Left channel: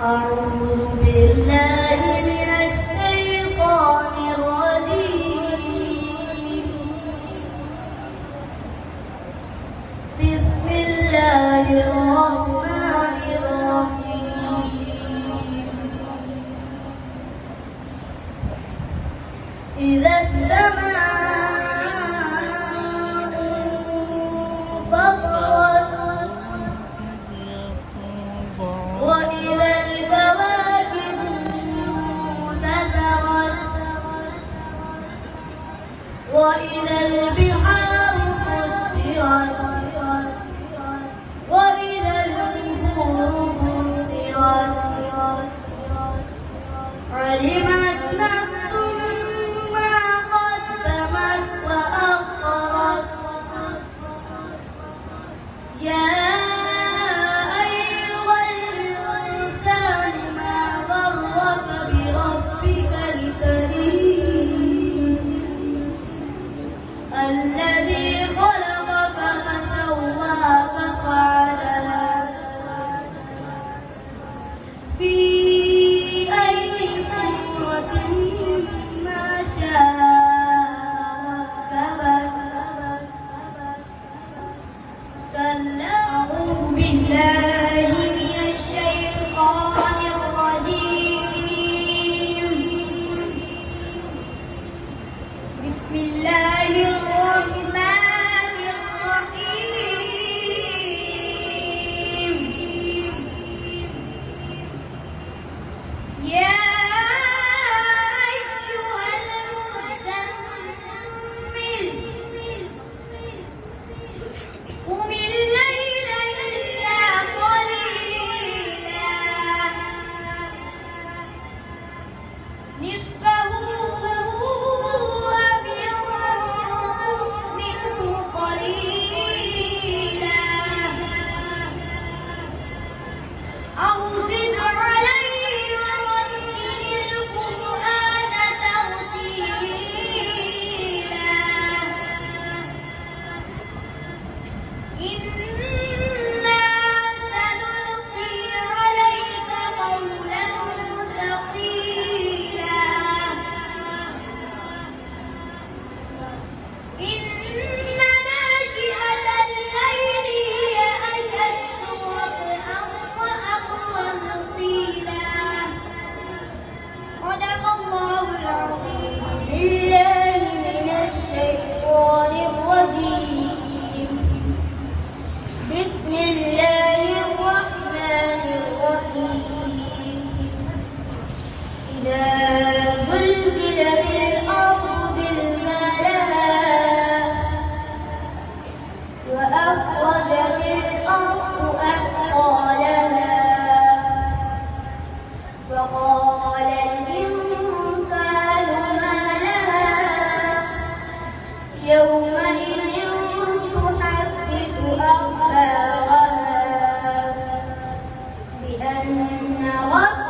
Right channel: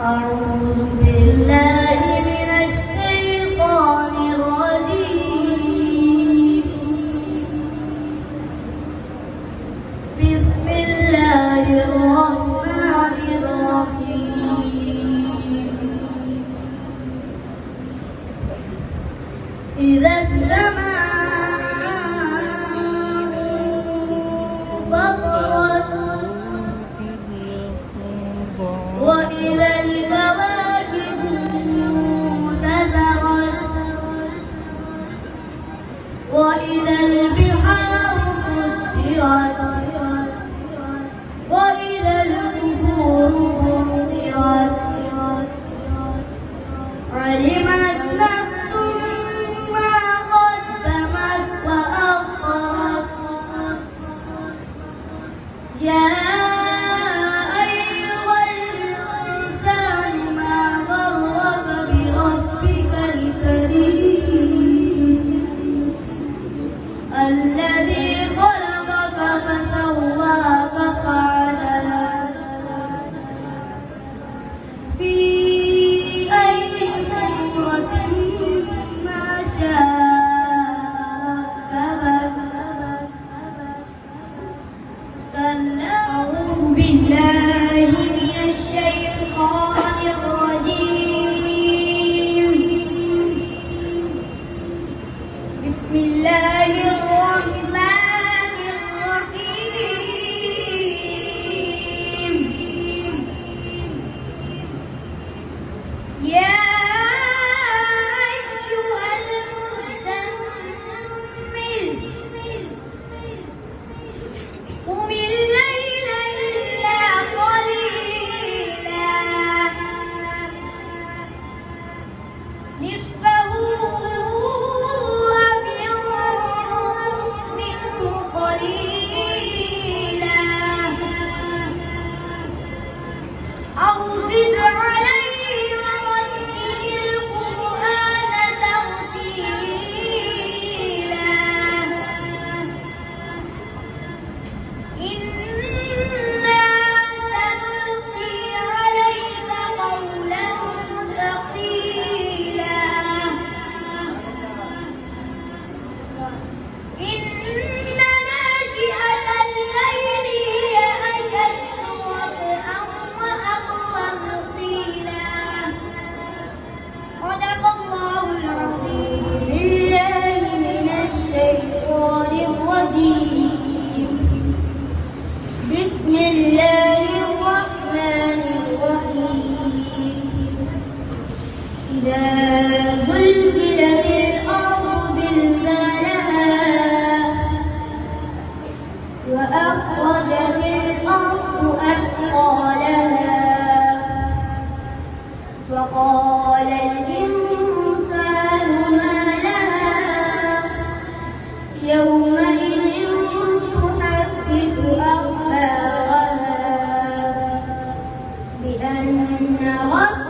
أعوذ بالله من الشيطان الرجيم. بسم الله الرحمن الرحيم. إذا السماء انفطرت وإذا الكواكب انتثرت وإذا البحار فجرت وإذا القبور بعثرت علمت نفس ما قدمت وأخرت. يا أيها الإنسان ما غرك بربك الكريم الذي خلقك فسواك فعدلك في أي صورة ما شاء ركبك. أعوذ بالله من الشيطان الرجيم. بسم الله الرحمن الرحيم. يا أيها المزمل قم الليل إلا قليلا نصفه أو انقص منه قليلا أو زد عليه ورتل القرآن ترتيلا. إنا سنلقي عليك قولا ثقيلا. إن ناشئة الليل هي أشد وطئا وأقوم قيلا. صدق الله العظيم. بالله من الشيطان الرجيم. بسم الله الرحمن الرحيم. إذا زلزلت الأرض زلزالها وأخرجت الأرض أثقالها فقال الإنسان ما لها يومئذ تحدث أخبارها بأن ربك